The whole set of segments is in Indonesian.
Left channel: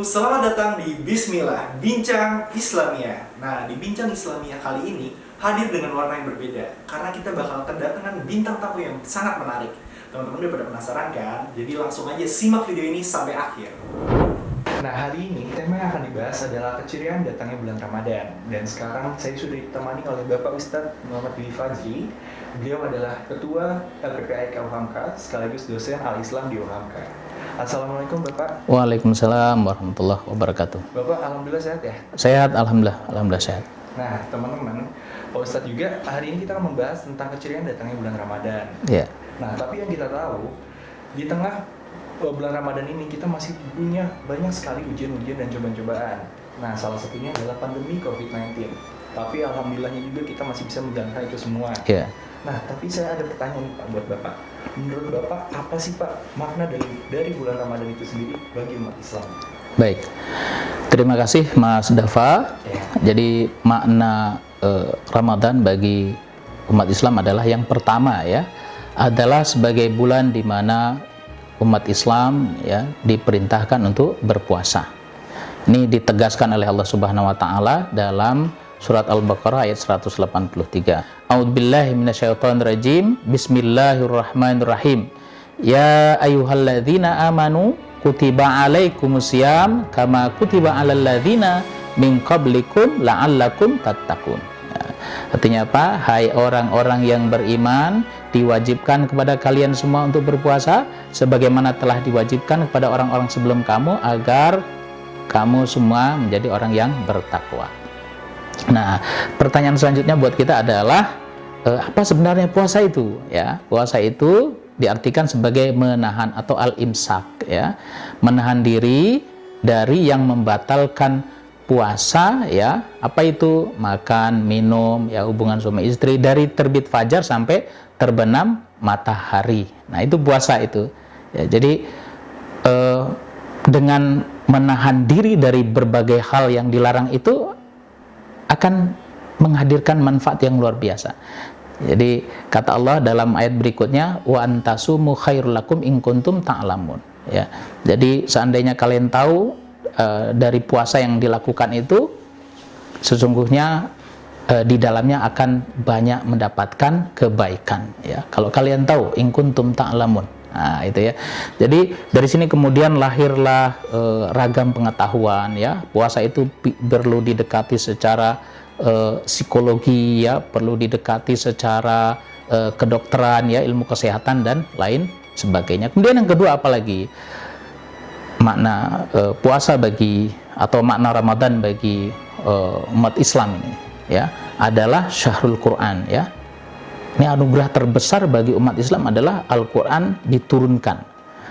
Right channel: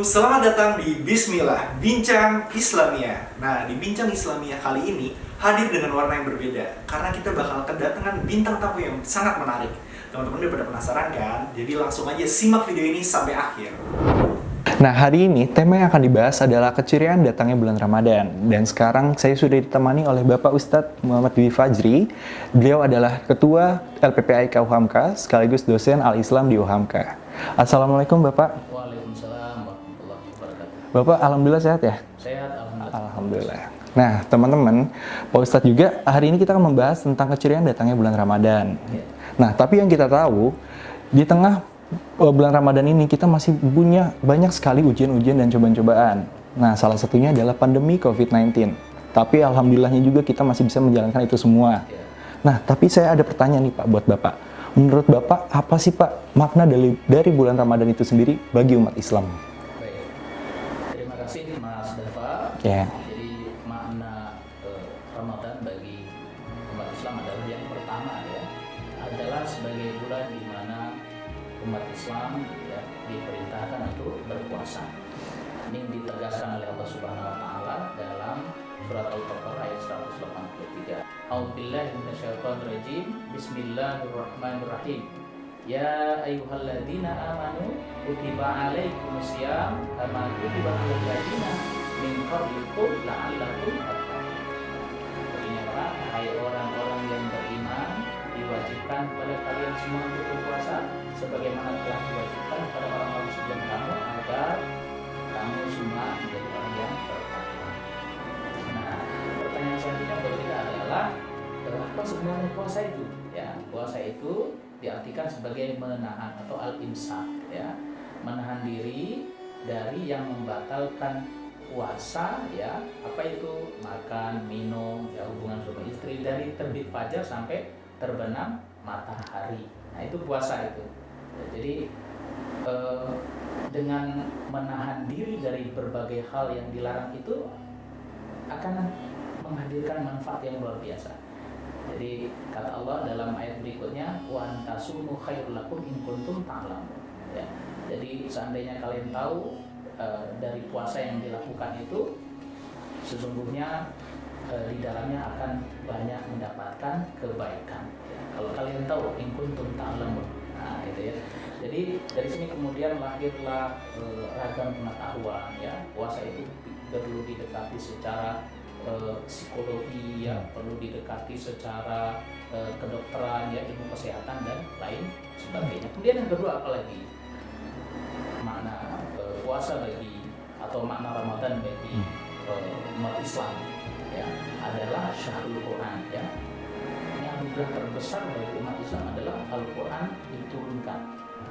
selamat datang di Bismillah, Bincang Islamiyah. Nah, di Bincang Islamiyah kali ini hadir dengan warna yang berbeda karena kita bakal kedatangan bintang tamu yang sangat menarik. Teman-teman udah pada penasaran kan? Jadi langsung aja simak video ini sampai akhir. Nah, hari ini tema yang akan dibahas adalah keceriaan datangnya bulan Ramadan. Dan sekarang saya sudah ditemani oleh Bapak Ustadz Muhammad Dwi Fajri. Beliau adalah Ketua LPPIK UHAMKA sekaligus dosen Al-Islam di UHAMKA. Assalamualaikum Bapak. Waalaikumsalam warahmatullahi wabarakatuh. Bapak alhamdulillah sehat ya? Sehat, alhamdulillah sehat. Nah, teman-teman, Pak Ustadz juga hari ini kita akan membahas tentang keceriaan datangnya bulan Ramadan. Ya. Nah, tapi yang kita tahu di tengah bulan Ramadan ini kita masih punya banyak sekali ujian-ujian dan cobaan-cobaan. Nah, salah satunya adalah pandemi COVID-19. Tapi alhamdulillahnya juga kita masih bisa menjalankan itu semua. Ya. Nah, tapi saya ada pertanyaan nih Pak buat Bapak. Menurut Bapak, apa sih Pak makna dari bulan Ramadan itu sendiri bagi umat Islam? Baik. Terima kasih Mas Dava. Ya. Jadi makna Ramadan bagi umat Islam adalah yang pertama ya, adalah sebagai bulan di mana umat Islam ya diperintahkan untuk berpuasa. Ini ditegaskan oleh Allah Subhanahu wa taala dalam surat Al-Baqarah ayat 183. A'udzubillahi minasyaitonirrajim. Bismillahirrahmanirrahim. Ya ayyuhalladzina amanu kutiba alaikumusiyam kama kutiba alal ladzina min qablikum la'allakum tattaqun. Ya. Artinya apa? Hai orang-orang yang beriman, diwajibkan kepada kalian semua untuk berpuasa sebagaimana telah diwajibkan kepada orang-orang sebelum kamu agar kamu semua menjadi orang yang bertakwa. Nah, pertanyaan selanjutnya buat kita adalah apa sebenarnya puasa itu? Ya, puasa itu diartikan sebagai menahan atau al-imsak, ya, menahan diri dari yang membatalkan puasa, ya. Apa itu? Makan, minum, ya, hubungan suami istri dari terbit fajar sampai terbenam matahari. Nah, itu puasa itu. Ya, jadi dengan menahan diri dari berbagai hal yang dilarang itu akan menghadirkan manfaat yang luar biasa. Jadi kata Allah dalam ayat berikutnya, wa antasumu khairul lakum in kuntum ta'lamun. Ya. Jadi seandainya kalian tahu dari puasa yang dilakukan itu sesungguhnya di dalamnya akan banyak mendapatkan kebaikan. Ya. Kalau kalian tahu in kuntum ta'lamun. Nah, itu ya. Jadi dari sini kemudian lahirlah ragam pengetahuan ya. Puasa itu perlu didekati secara psikologi ya, perlu didekati secara kedokteran ya, ilmu kesehatan dan lain sebagainya. Kemudian yang kedua apalagi? Makna puasa bagi atau makna Ramadan bagi umat Islam ya adalah syahrul Quran ya. Ini anugerah terbesar bagi umat Islam adalah Al-Quran diturunkan.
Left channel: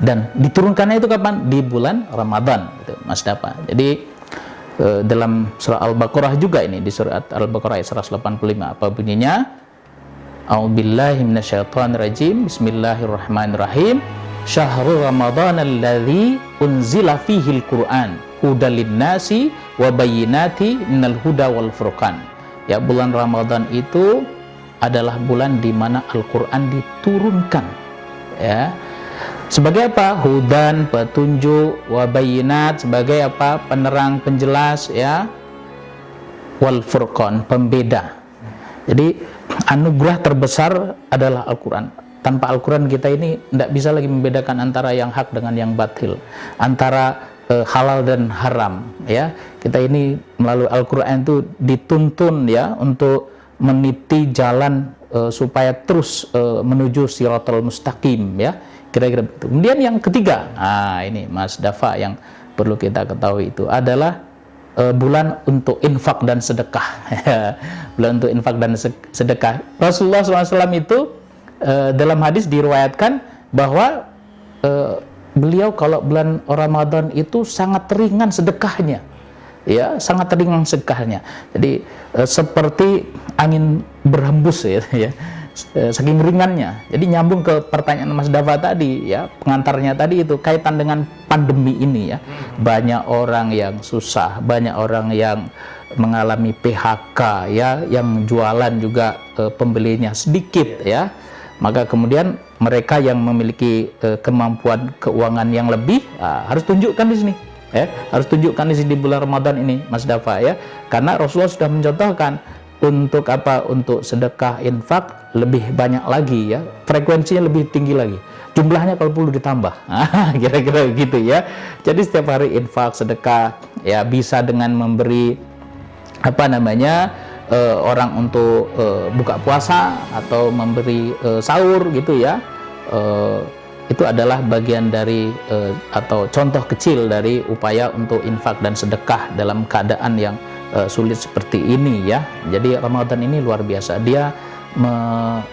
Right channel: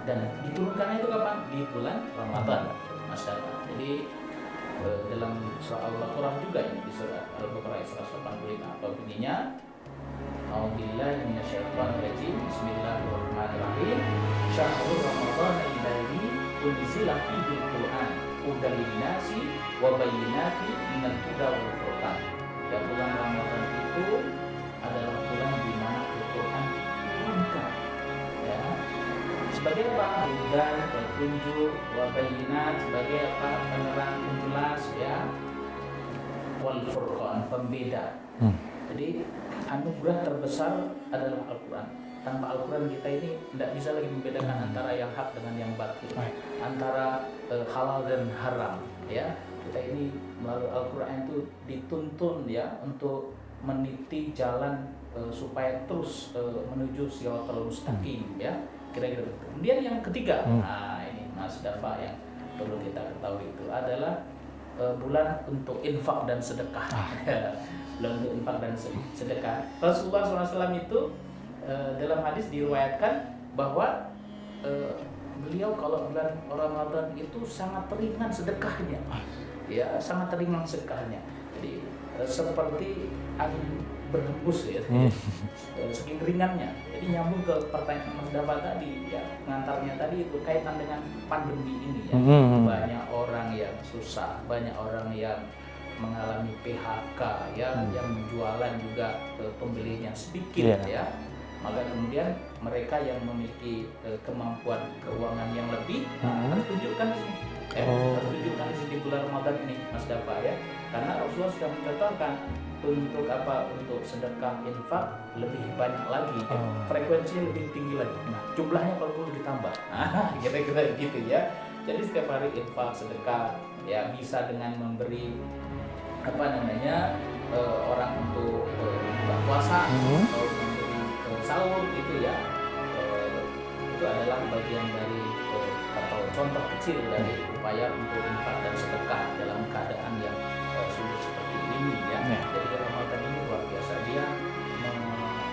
Dan diturunkannya itu kapan? Di bulan Ramadan, Mas Dapa. Jadi dalam surah Al-Baqarah juga ini, di surat Al-Baqarah ayat 185. Apa bunyinya? A'udzubillahi minasyaitonirrajim. Bismillahirrahmanirrahim. Syahrul Ramadan alladzi unzila fihil Qur'an hudal linnasi wa bayyinati minal huda wal furqan. Ya, bulan Ramadan itu adalah bulan di mana Al-Quran diturunkan ya. Sebagai apa? Hudan, petunjuk, wabayinat, sebagai apa? Penerang, penjelas ya. Wal furqan, pembeda. Jadi anugerah terbesar adalah Al-Quran. Tanpa Al-Quran kita ini tidak bisa lagi membedakan antara yang hak dengan yang batil, antara halal dan haram ya. Kita ini melalui Al-Quran itu dituntun ya untuk meniti jalan supaya terus menuju Shiratal Mustaqim ya, kira-kira begitu. Kemudian yang ketiga, nah ini Mas Dava yang perlu kita ketahui itu adalah bulan untuk infak dan sedekah. Bulan untuk infak dan sedekah. Rasulullah SAW itu dalam hadis diriwayatkan bahwa beliau kalau bulan Ramadan itu sangat ringan sedekahnya. Ya, sangat ringan sedekahnya. Jadi seperti angin berhembus ya, saking ringannya. Jadi nyambung ke pertanyaan Mas Dava tadi ya, pengantarnya tadi itu kaitan dengan pandemi ini ya. Banyak orang yang susah, banyak orang yang mengalami PHK ya, yang jualan juga pembelinya sedikit ya. Maka kemudian mereka yang memiliki kemampuan keuangan yang lebih harus tunjukkan di sini ya. Harus tunjukkan di bulan Ramadan ini, Mas Dafa ya. Karena Rasulullah sudah mencontohkan untuk apa? Untuk sedekah, infak lebih banyak lagi ya. Frekuensinya lebih tinggi lagi. Jumlahnya kalau perlu ditambah. Kira-kira gitu ya. Jadi setiap hari infak, sedekah ya, bisa dengan memberi apa namanya? Orang untuk buka puasa atau memberi sahur gitu ya, itu adalah bagian dari atau contoh kecil dari upaya untuk infak dan sedekah dalam keadaan yang sulit seperti ini ya. Jadi Ramadan ini luar biasa, dia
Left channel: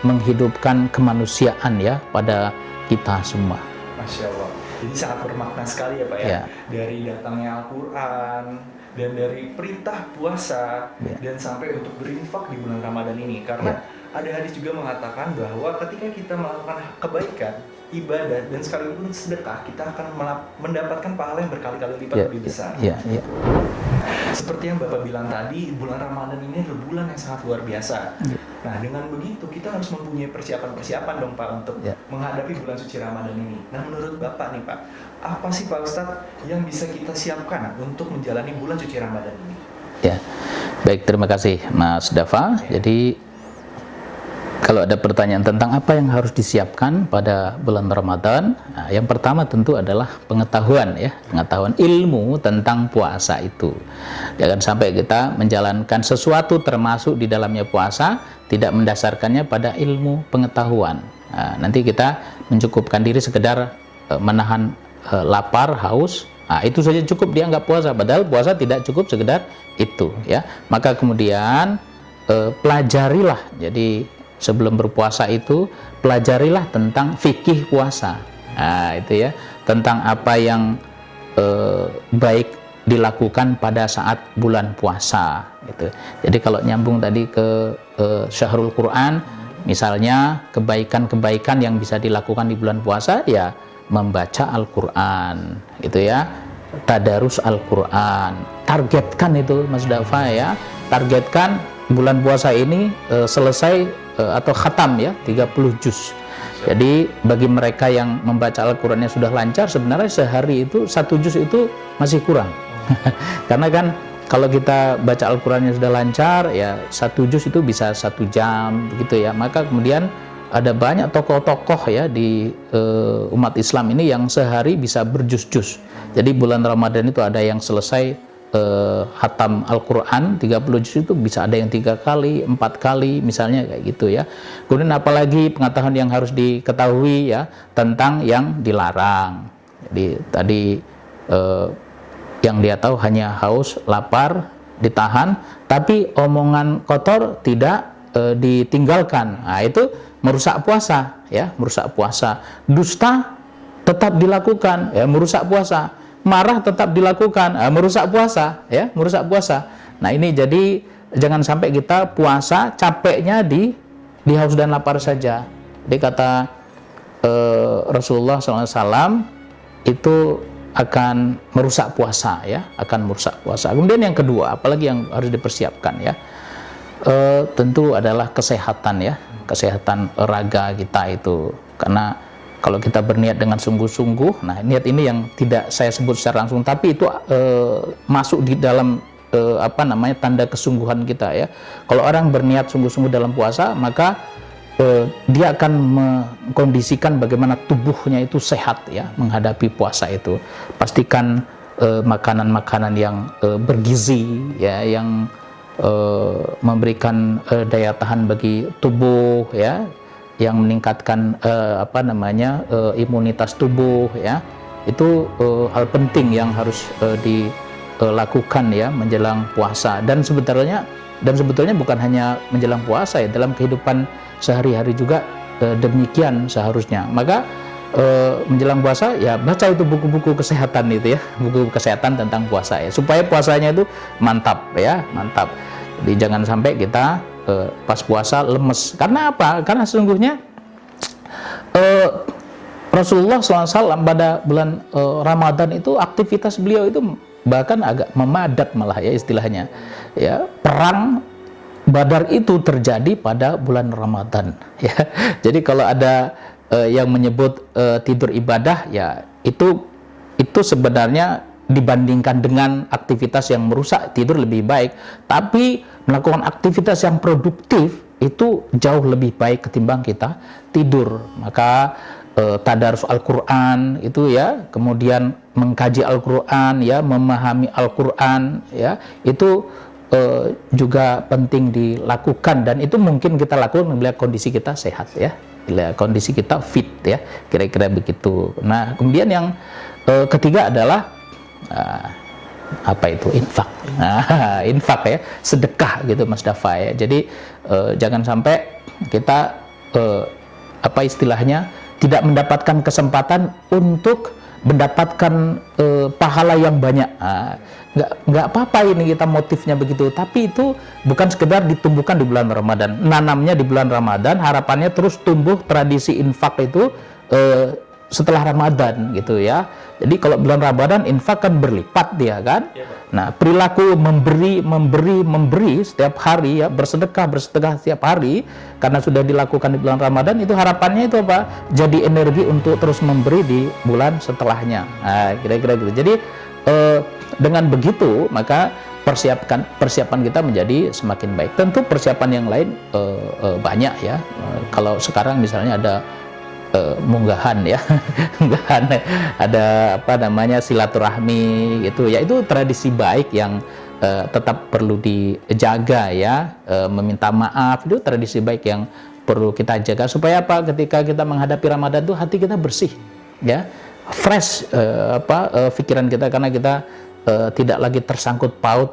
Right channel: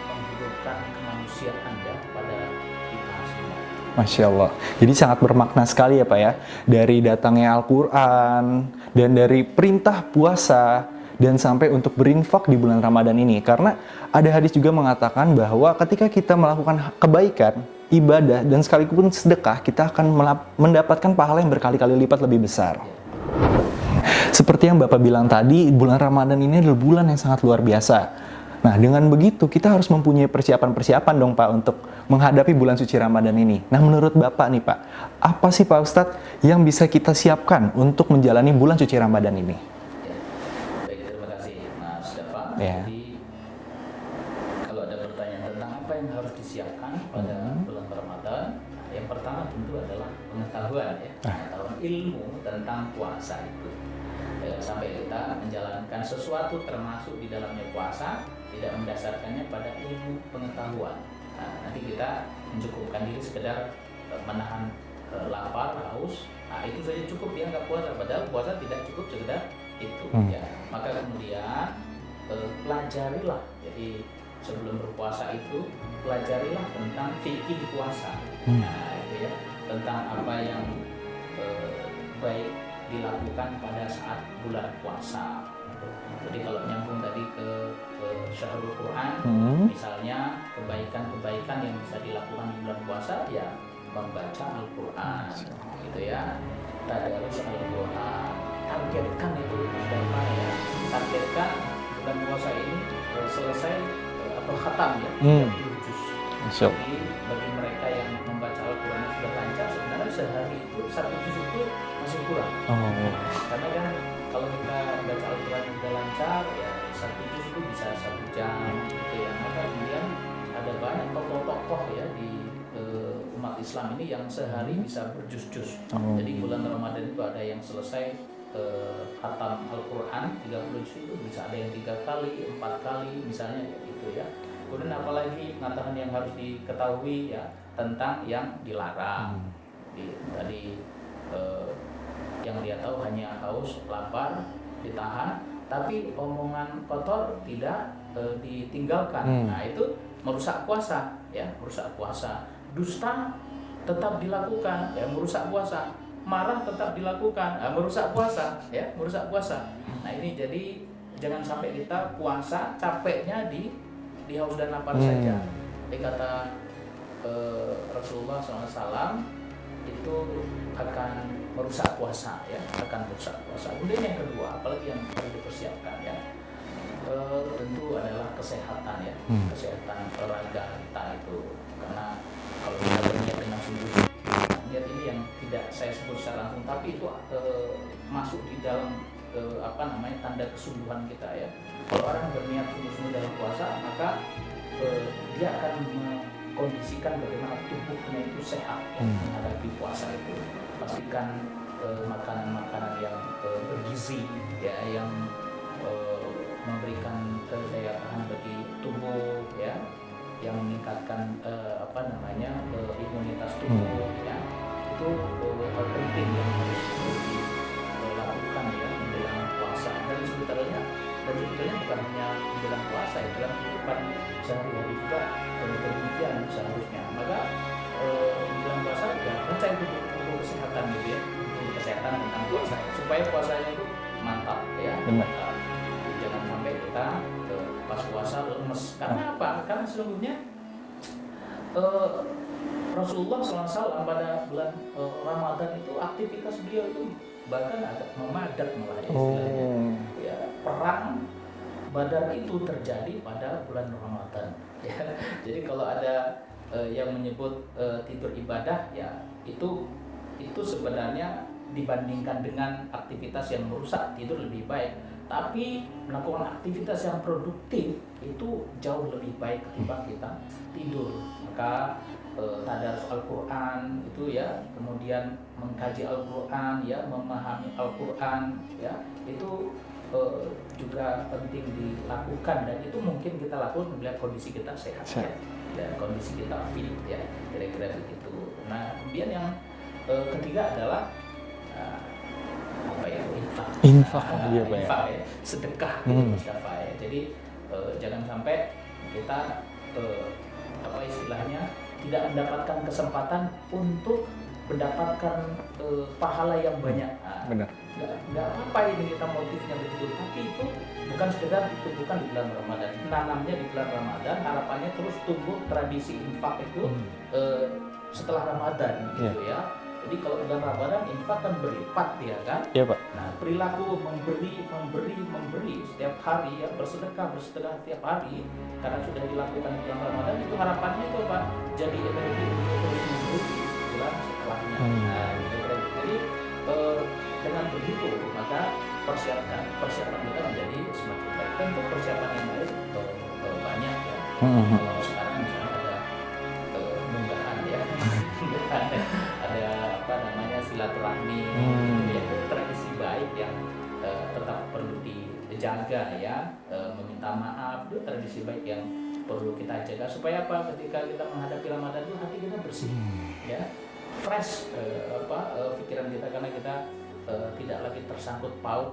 menghidupkan kemanusiaan ya pada kita semua. Masya Allah. Jadi sangat bermakna sekali ya Pak ya. Dari datangnya Al-Quran, dan dari perintah puasa, dan sampai untuk berinfak di bulan Ramadan ini. Karena ada hadis juga mengatakan bahwa ketika kita melakukan kebaikan, ibadah, dan sekalipun sedekah, kita akan mendapatkan pahala yang berkali-kali lipat lebih besar. Seperti yang Bapak bilang tadi, bulan Ramadan ini adalah bulan yang sangat luar biasa. Nah, dengan begitu kita harus mempunyai persiapan-persiapan dong Pak untuk menghadapi bulan suci Ramadan ini. Nah, menurut Bapak nih Pak, apa sih Pak Ustadz yang bisa kita siapkan untuk menjalani bulan suci Ramadan ini? Ya, baik, terima kasih Mas Dafa. Jadi kalau ada pertanyaan tentang apa yang harus disiapkan pada bulan Ramadan, nah, yang pertama tentu adalah pengetahuan ya, pengetahuan ilmu tentang puasa itu. Jangan sampai kita menjalankan sesuatu termasuk di dalamnya puasa tidak mendasarkannya pada ilmu pengetahuan. Nah, nanti kita mencukupkan diri sekedar menahan lapar, haus. Nah, itu saja cukup dianggap puasa, padahal puasa tidak cukup sekedar itu ya. Maka kemudian pelajarilah, jadi sebelum berpuasa itu pelajarilah tentang fikih puasa. Nah, itu ya, tentang apa yang baik dilakukan pada saat bulan puasa gitu. Jadi kalau nyambung tadi ke Syahrul Quran, misalnya kebaikan-kebaikan yang bisa dilakukan di bulan puasa ya membaca Al-Quran gitu ya, tadarus Al-Quran. Targetkan itu Mas Dafa ya, targetkan bulan puasa ini selesai atau khatam ya, 30 juz. Jadi bagi mereka yang membaca Al-Qurannya sudah lancar, sebenarnya sehari itu 1 juz itu masih kurang. Karena kan kalau kita baca Al-Qurannya sudah lancar ya 1 juz itu bisa 1 jam gitu ya. Maka kemudian ada banyak tokoh-tokoh ya di umat Islam ini yang sehari bisa berjuz-juz. Jadi bulan Ramadan itu ada yang selesai khatam Al-Quran 30 juz itu bisa ada yang 3 kali, 4 kali misalnya kayak gitu ya. Kemudian apalagi pengetahuan yang harus diketahui ya tentang yang dilarang. Jadi tadi yang dia tahu hanya haus, lapar, ditahan, tapi omongan kotor tidak ditinggalkan. Nah, itu merusak puasa ya, merusak puasa. Dusta tetap dilakukan ya, merusak puasa. Marah tetap dilakukan, merusak puasa ya, merusak puasa. Nah, ini jadi jangan sampai kita puasa capeknya di haus dan lapar saja. Dia kata Rasulullah SAW itu akan merusak puasa ya, akan merusak puasa. Kemudian yang kedua, apalagi yang harus dipersiapkan ya, tentu adalah kesehatan ya, kesehatan raga kita itu. Karena kalau kita berniat dengan sungguh-sungguh, nah niat ini yang tidak saya sebut secara langsung, tapi itu masuk di dalam apa namanya tanda kesungguhan kita ya. Kalau orang berniat sungguh-sungguh dalam puasa, maka dia akan mengkondisikan bagaimana tubuhnya itu sehat ya menghadapi puasa itu. Pastikan makanan-makanan yang bergizi ya, yang memberikan daya tahan bagi tubuh ya, yang meningkatkan apa namanya imunitas tubuh ya. Itu hal penting yang harus dilakukan ya menjelang puasa. Dan sebetulnya bukan hanya menjelang puasa ya, dalam kehidupan sehari-hari juga demikian seharusnya. Maka menjelang puasa ya baca itu buku-buku kesehatan itu ya, buku kesehatan tentang puasa ya, supaya puasanya itu mantap ya, mantap. Jadi jangan sampai kita pas puasa lemes. Karena apa? Karena sesungguhnya Rasulullah SAW pada bulan Ramadan itu aktivitas beliau itu bahkan agak memadat malah ya istilahnya. Ya, perang Badar itu terjadi pada bulan Ramadan ya. Jadi kalau ada yang menyebut tidur ibadah ya itu sebenarnya dibandingkan dengan aktivitas yang merusak tidur lebih baik, tapi melakukan aktivitas yang produktif itu jauh lebih baik ketimbang kita tidur. Maka tadarus Al-Qur'an itu ya, kemudian mengkaji Al-Qur'an ya, memahami Al-Qur'an ya, itu juga penting dilakukan, dan itu mungkin kita lakukan bila kondisi kita sehat ya, bila kondisi kita fit ya, kira-kira begitu. Nah, kemudian yang ketiga adalah apa itu? Infak. Nah, infak ya, sedekah gitu Mas Dafa ya. Jadi jangan sampai kita apa istilahnya tidak mendapatkan kesempatan untuk mendapatkan pahala yang banyak. Nggak apa-apa ini kita motifnya begitu, tapi itu bukan sekedar ditumbuhkan di bulan Ramadan, nanamnya di bulan Ramadan, harapannya terus tumbuh tradisi infak itu setelah Ramadan gitu ya. Jadi kalau bulan Ramadan infak kan berlipat dia kan. Iya, Pak. Nah, perilaku memberi setiap hari ya, bersedekah setiap hari karena sudah dilakukan di bulan Ramadan, itu harapannya itu apa? Jadi energi untuk terus memberi di bulan setelahnya. Nah, kira-kira gitu. Jadi dengan begitu maka persiapan kita menjadi semakin baik. Tentu persiapan yang lain banyak ya. Kalau sekarang misalnya ada munggahan ya, munggahan, ada apa namanya silaturahmi gitu ya, itu tradisi baik yang tetap perlu dijaga ya, meminta maaf itu tradisi baik yang perlu kita jaga supaya apa, ketika kita menghadapi Ramadan itu hati kita bersih ya, fresh pikiran kita, karena kita tidak lagi tersangkut paut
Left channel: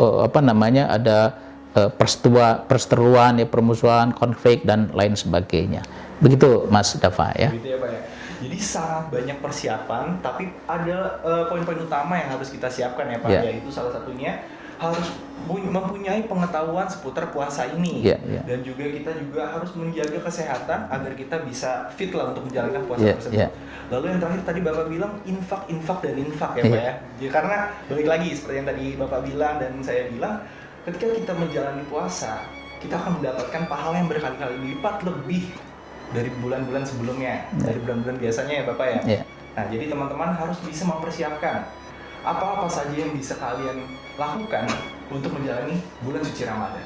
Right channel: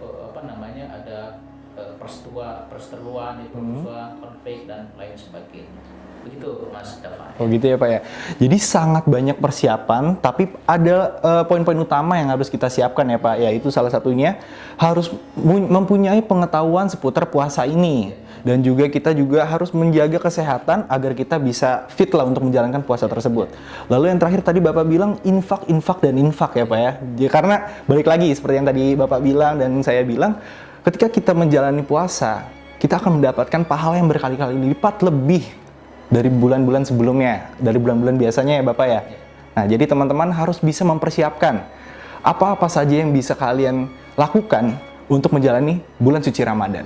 apa namanya ada perseteruan ya, permusuhan, konflik dan lain sebagainya. Begitu Mas Dafa ya. Begitu ya Pak ya. Jadi sangat banyak persiapan, tapi ada poin-poin utama yang harus kita siapkan ya Pak. Yaitu salah satunya harus mempunyai pengetahuan seputar puasa ini. Dan juga kita juga harus menjaga kesehatan agar kita bisa fit lah untuk menjalankan puasa tersebut. Lalu yang terakhir tadi Bapak bilang infak ya Pak ya. Karena balik lagi seperti yang tadi Bapak bilang dan saya bilang, ketika kita menjalani puasa, kita akan mendapatkan pahala yang berkali-kali lipat lebih dari bulan-bulan sebelumnya, dari bulan-bulan biasanya ya Bapak ya. Nah, jadi teman-teman harus bisa mempersiapkan apa-apa saja yang bisa kalian lakukan untuk menjalani bulan suci Ramadan.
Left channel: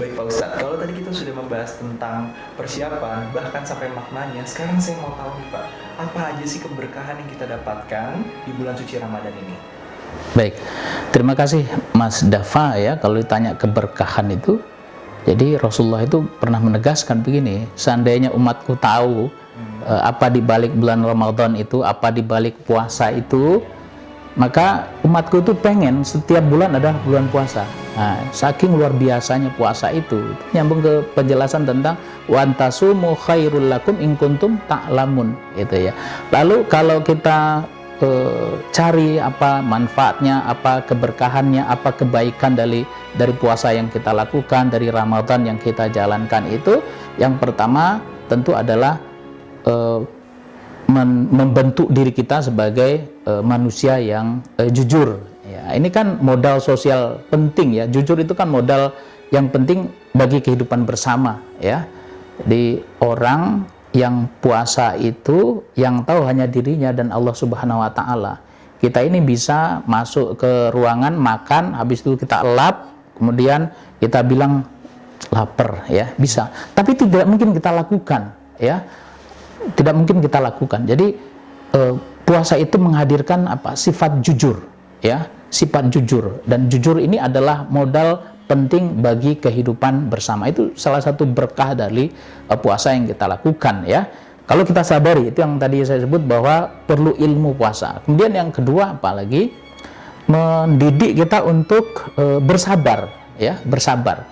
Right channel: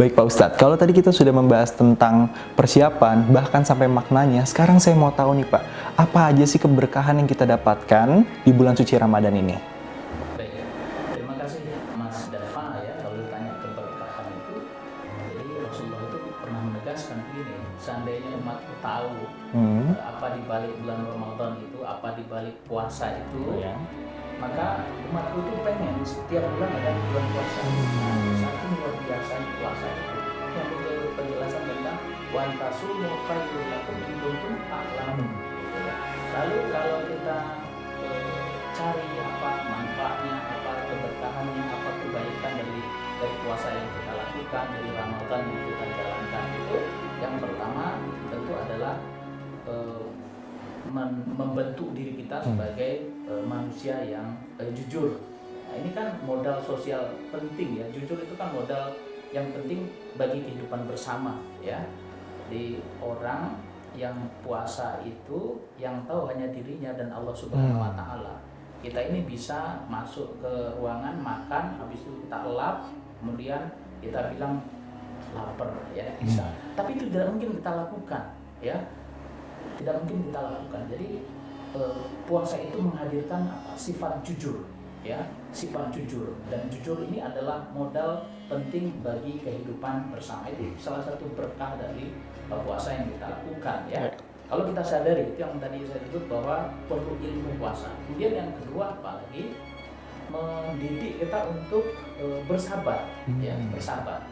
Baik Pak Ustadz, kalau tadi kita sudah membahas tentang persiapan, bahkan sampai maknanya, sekarang saya mau tahu nih Pak, apa aja sih keberkahan yang kita dapatkan di bulan suci Ramadan ini? Baik, terima kasih Mas Dafa ya, kalau ditanya keberkahan itu, jadi Rasulullah itu pernah menegaskan begini, seandainya umatku tahu apa di balik bulan Ramadan itu, apa di balik puasa itu, maka umatku itu pengen setiap bulan ada bulan puasa. Nah, saking luar biasanya puasa itu, nyambung ke penjelasan tentang wa antasumu khairul lakum in kuntum ta'lamun gitu ya. Lalu kalau kita cari apa manfaatnya, apa keberkahannya, apa kebaikan dari puasa yang kita lakukan, dari Ramadan yang kita jalankan itu, yang pertama tentu adalah membentuk diri kita sebagai manusia yang jujur. Ya, ini kan modal sosial penting ya. Jujur itu kan modal yang penting bagi kehidupan bersama ya. Di orang yang puasa itu yang tahu hanya dirinya dan Allah Subhanahu wa taala. Kita ini bisa masuk ke ruangan makan, habis itu kita elap, kemudian kita bilang lapar ya, bisa. Tapi tidak mungkin kita lakukan ya. Tidak mungkin kita lakukan. Jadi puasa itu menghadirkan apa? Sifat jujur ya, sifat jujur, dan jujur ini adalah modal penting bagi kehidupan bersama. Itu salah satu berkah dari puasa yang kita lakukan ya. Kalau kita sadari, itu yang tadi saya sebut bahwa perlu ilmu puasa. Kemudian yang kedua apalagi mendidik kita untuk bersabar ya, bersabar.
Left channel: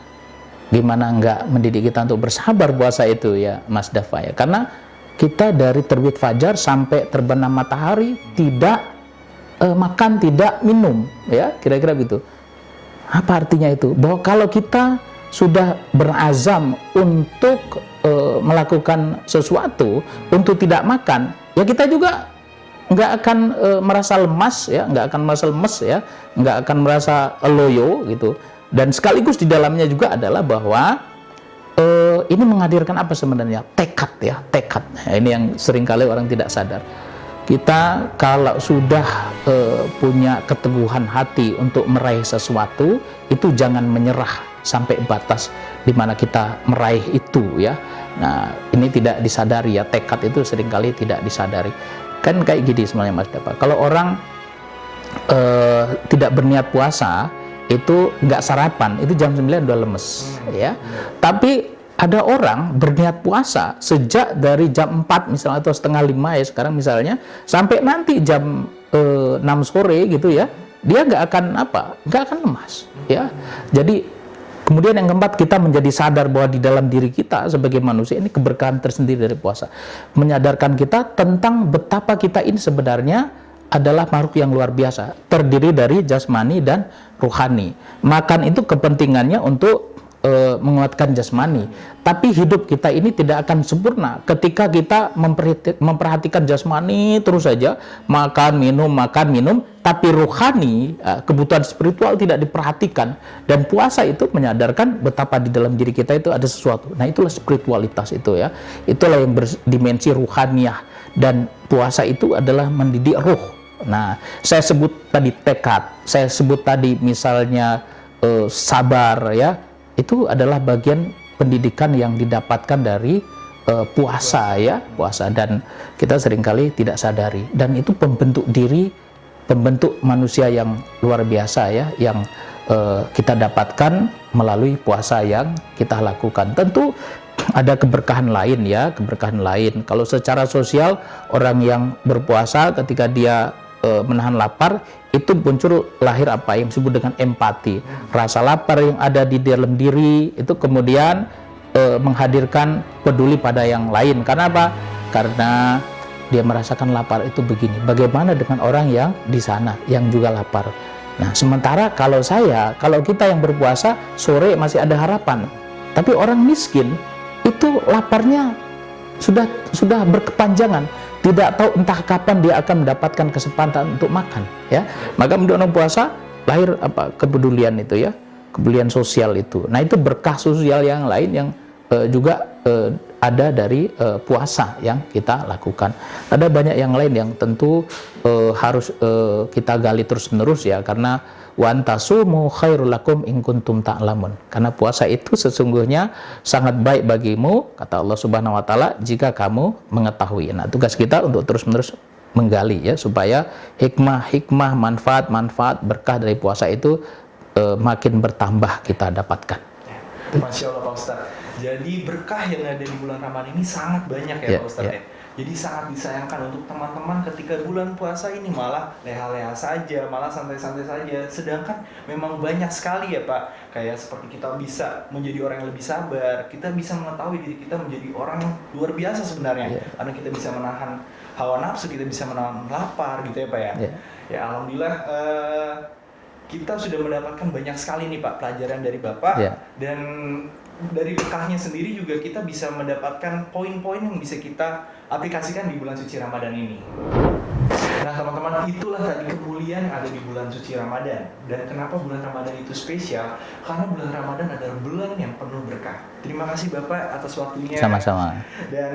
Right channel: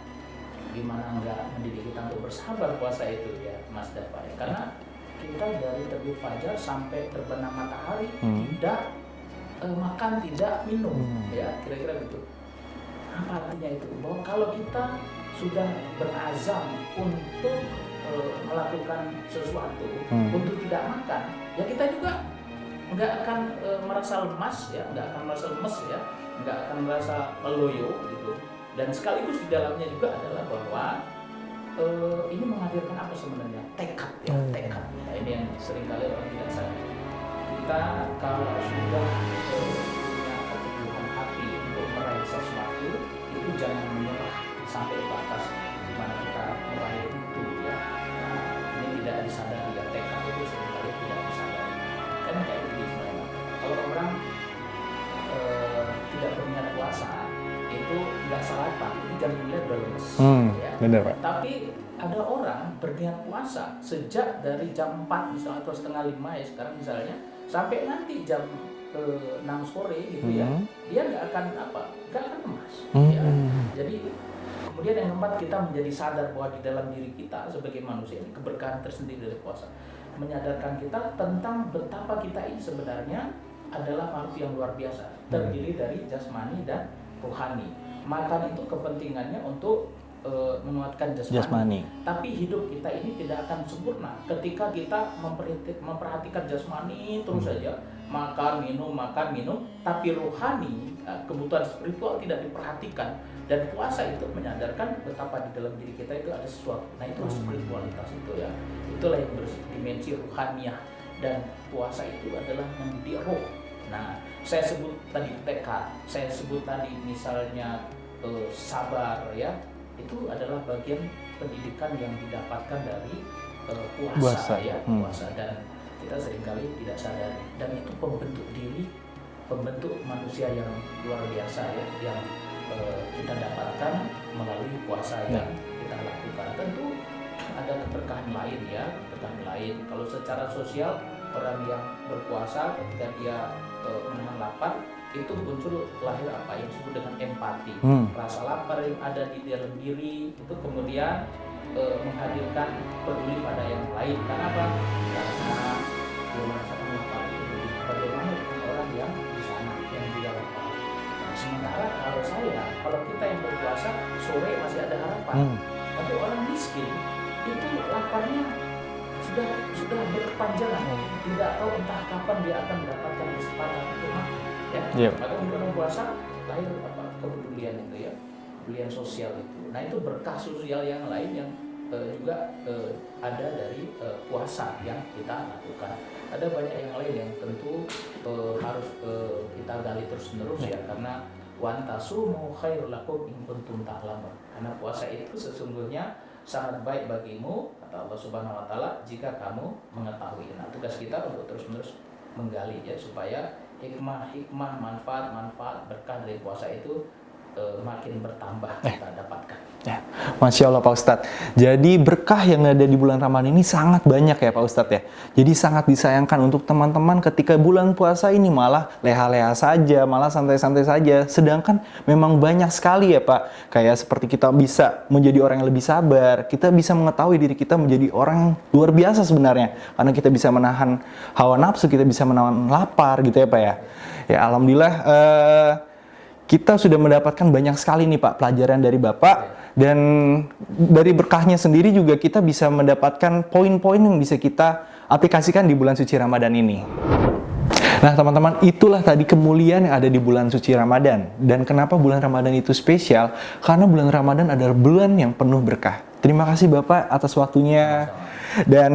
Gimana enggak mendidik kita untuk bersabar puasa itu ya Mas Dafa ya. Karena kita dari terbit fajar sampai terbenam matahari tidak makan, tidak minum ya, kira-kira gitu. Apa artinya itu? Bahwa kalau kita sudah berazam untuk melakukan sesuatu, untuk tidak makan, ya kita juga nggak akan merasa lemas ya, nggak akan merasa lemes ya, nggak akan merasa loyo gitu. Dan sekaligus di dalamnya juga adalah bahwa ini menghadirkan apa sebenarnya? Tekad ya, tekad. Nah, ini yang seringkali orang tidak sadar. kita kalau sudah punya keteguhan hati untuk meraih sesuatu, itu jangan menyerah sampai batas di mana kita meraih itu ya. Nah, ini tidak disadari ya, tekad itu seringkali tidak disadari. Kan kayak gini sebenarnya Mas Bapak. Kalau orang tidak berniat puasa, itu nggak sarapan, itu jam 9 udah lemes ya. Bener. Tapi ada orang berniat puasa sejak dari jam 4 misalnya atau setengah 5 ya sekarang misalnya sampai nanti jam 6 sore gitu ya, dia nggak akan lemas ya. Jadi kemudian yang keempat, kita menjadi sadar bahwa di dalam diri kita sebagai manusia ini keberkahan tersendiri dari puasa, menyadarkan kita tentang betapa kita ini sebenarnya adalah makhluk yang luar biasa, terdiri dari jasmani dan ruhani. Makan itu kepentingannya untuk menguatkan jasmani. Tapi hidup kita ini tidak akan sempurna ketika kita memperhatikan jasmani terus saja, makan minum, tapi ruhani, kebutuhan spiritual tidak diperhatikan. Dan puasa itu menyadarkan betapa di dalam diri kita itu ada sesuatu. Nah, itulah spiritualitas itu ya. Itulah yang berdimensi ruhaniyah, dan puasa itu adalah mendidik ruh. Nah, saya sebut tadi tekad, saya sebut tadi misalnya sabar ya. Itu adalah bagian pendidikan yang didapatkan dari puasa ya, puasa, dan kita seringkali tidak sadari, dan itu pembentuk diri, pembentuk manusia yang luar biasa ya, yang kita dapatkan melalui puasa yang kita lakukan. Tentu ada keberkahan lain ya, keberkahan lain. Kalau secara sosial, orang yang berpuasa ketika dia menahan lapar, itu muncul lahir apa yang disebut dengan empati. Rasa lapar yang ada di dalam diri itu kemudian menghadirkan peduli pada yang lain. Karena apa? Karena dia merasakan lapar itu begini. Bagaimana dengan orang yang di sana yang juga lapar? Nah, sementara kalau kita yang berpuasa sore masih ada harapan. Tapi orang miskin itu laparnya sudah berkepanjangan. Tidak tahu entah kapan dia akan mendapatkan kesempatan untuk makan ya. Maka menurut puasa lahir kepedulian itu ya, kepedulian sosial itu. Nah, itu berkah sosial yang lain yang juga ada dari puasa yang kita lakukan. Ada banyak yang lain yang tentu harus kita gali terus-menerus ya, karena wa antasumu khairul lakum in kuntum ta'lamun. Karena puasa itu sesungguhnya sangat baik bagimu, kata Allah Subhanahu wa taala, jika kamu mengetahui. Nah, tugas kita untuk terus-menerus menggali ya, supaya hikmah, manfaat berkah dari puasa itu makin bertambah kita dapatkan. Masya Allah Pak Ustadz. Jadi berkah yang ada di bulan Ramadan ini sangat banyak ya Pak Ustadz ya. Jadi sangat disayangkan untuk teman-teman ketika bulan puasa ini malah leha-leha saja, malah santai-santai saja. Sedangkan memang banyak sekali ya Pak. Kayak seperti kita bisa menjadi orang yang lebih sabar, kita bisa mengetahui diri kita menjadi orang yang luar biasa sebenarnya. Karena kita bisa menahan hawa nafsu, kita bisa menahan lapar gitu ya Pak ya. Ya Alhamdulillah kita sudah mendapatkan banyak sekali nih Pak pelajaran dari Bapak, dan dari berkahnya sendiri juga kita bisa mendapatkan poin-poin yang bisa kita aplikasikan di bulan suci Ramadan ini. Nah teman-teman, itulah tadi kemuliaan yang ada di bulan suci Ramadan. Dan kenapa bulan Ramadan itu spesial? Karena bulan Ramadan adalah bulan yang penuh berkah. Terima kasih Bapak atas waktunya. Sama-sama. Dan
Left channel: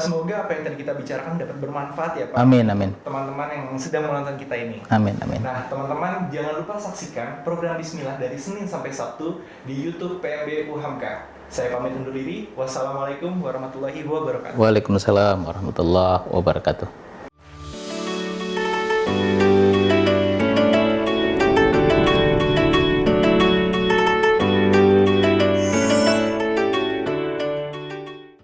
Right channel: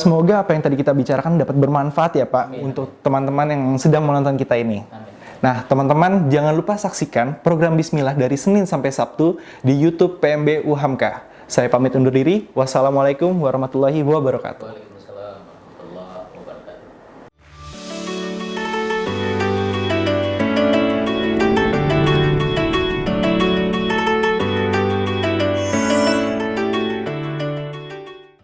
semoga apa yang tadi kita bicarakan dapat bermanfaat ya Pak. Amin, untuk amin. teman-teman yang sedang menonton kita ini. Amin, amin. Nah teman-teman, jangan lupa saksikan program Bismillah dari Senin sampai Sabtu di YouTube PMB UHAMKA. Saya pamit undur diri. Wassalamualaikum warahmatullahi wabarakatuh. Waalaikumsalam warahmatullahi wabarakatuh.